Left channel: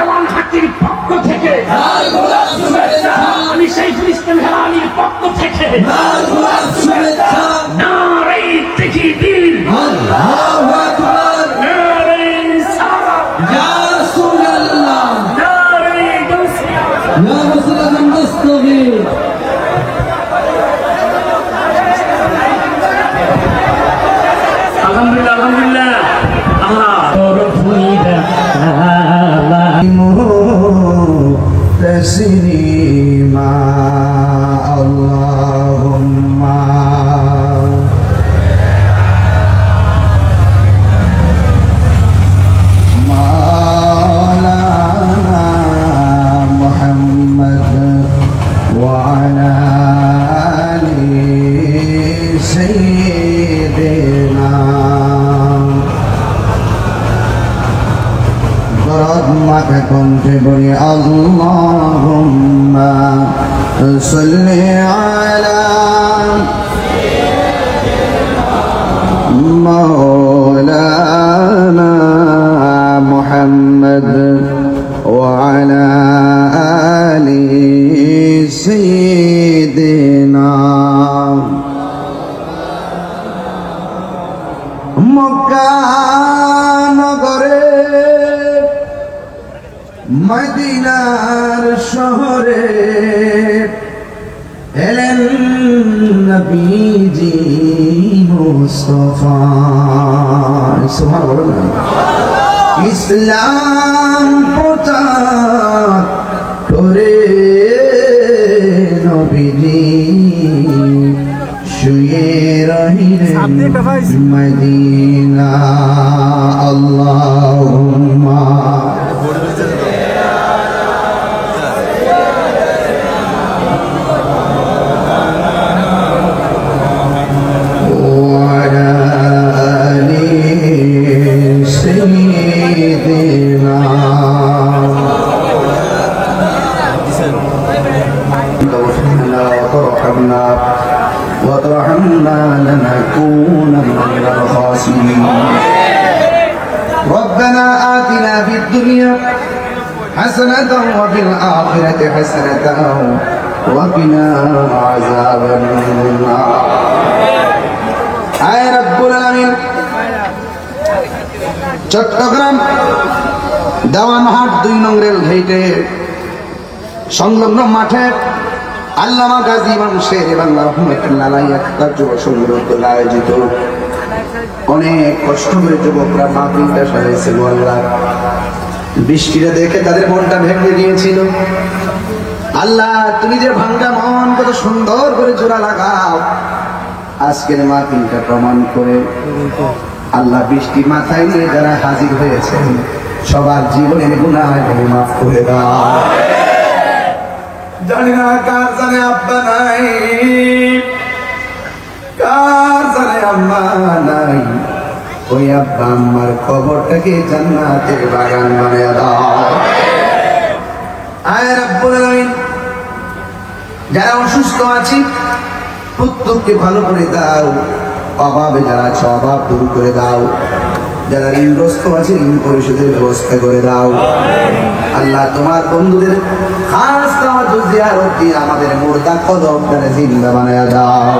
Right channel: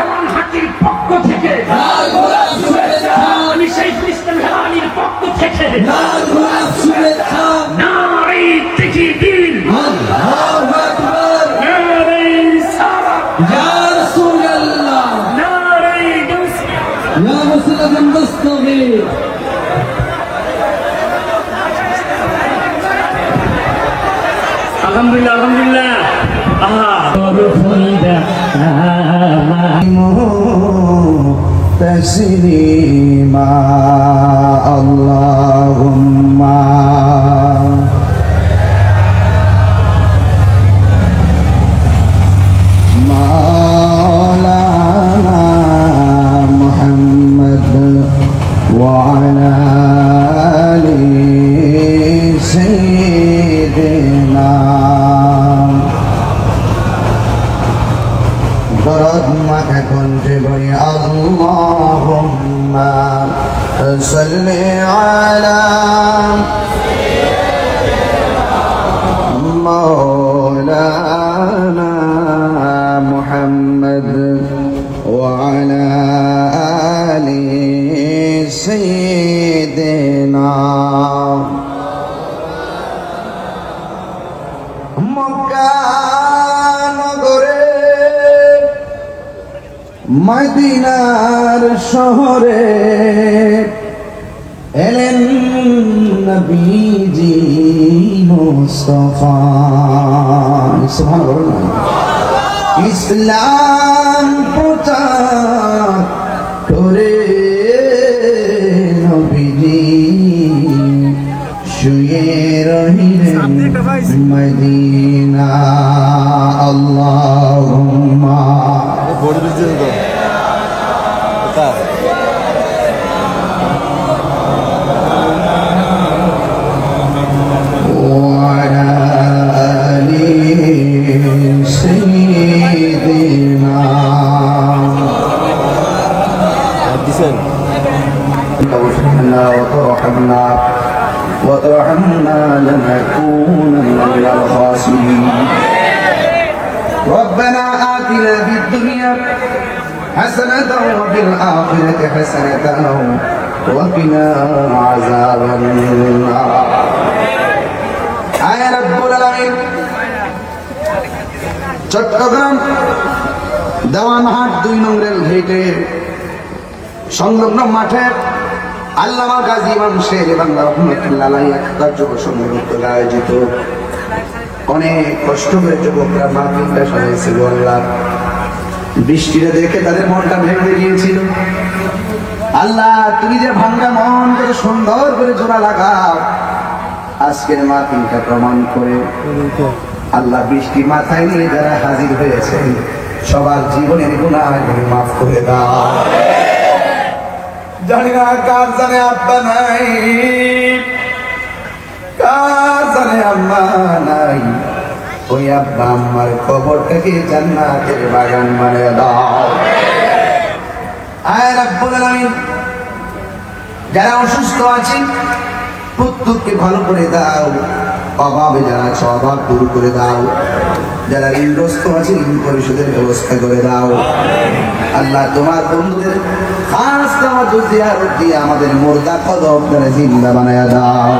এমন হাতির পক্ষ থেকে আমি শাইখুল ইসলাম হেলালির পক্ষ থেকে নারে তাকবীর আল্লাহু আকবার নারে সালাত ইয়া রাসূলুল্লাহ নারে তাকবীর আলহামদুলিল্লাহ আলহামদুলিল্লাহ تسليما اللهم مولانا محمد وعلى آل سيدنا برد মাথা কণ্ঠে বলি اللهم صل على مولانا محمد وعلى آل سيدنا মদিনার শহরে এলেন নবীজি মুস্তাফা সুবহানাল্লাহ ইসলাম প্রচার করে নবীজি শুয়ে রহিলেন মদিনা আল্লাহুম্মা وترحمنا لنكونن من الخاسرين ربنا آتنا في الدنيا حسنة وفي الآخرة حسنة وقنا عذاب النار يا رب العالمين চট্টগ্রাম দেওয়া মাহাট 2 নং রেল গেটে সংলগ্ন মাঠে আল্লামা গাজী ইমাম শের রহমাতুল্লাহ আলাইহি কার্যক্রম আয়োজিত অনেক কষ্ট করে যুবকরা মাহফিলটা সাজিয়েছিল। আল্লাহ বৃষ্টিটা দেখে তাদের মনটা ভেঙে গিয়েছিল। আল্লাহ তুমি যে ভাঙ্গা মন কত সুন্দর করে জোড়া লাগাও, আজকের মাহফিলটা প্রমাণ করে আল্লাহ বৃষ্টি মাথায় নিয়ে যারা হাজির হয়েছে সবার জীবনের গুনাহ মাফ করে দাও। জানি না কার জানে আব্বা নাই, কার জানে আম্মা নাই, ওই আব্বা আম্মার কবরটাকে জান্নাতের বাগান বানায়া দাও। আয় রাব্বুল আলামিন, যারা অসুস্থ আছে প্রত্যেককে ভালো করে দাও, অভাবে যারা আছে অভাব দূর করে দাও, যারা ঋণগ্রস্ত আছে ঋণ পরিশোধের ব্যবস্থা করে দাও। আল্লাহ তোমার বন্ধুদের খাস জিয়ারত দিয়ে আমাদের মুর্দা কদম করে জিন্দা বানায়া দাও।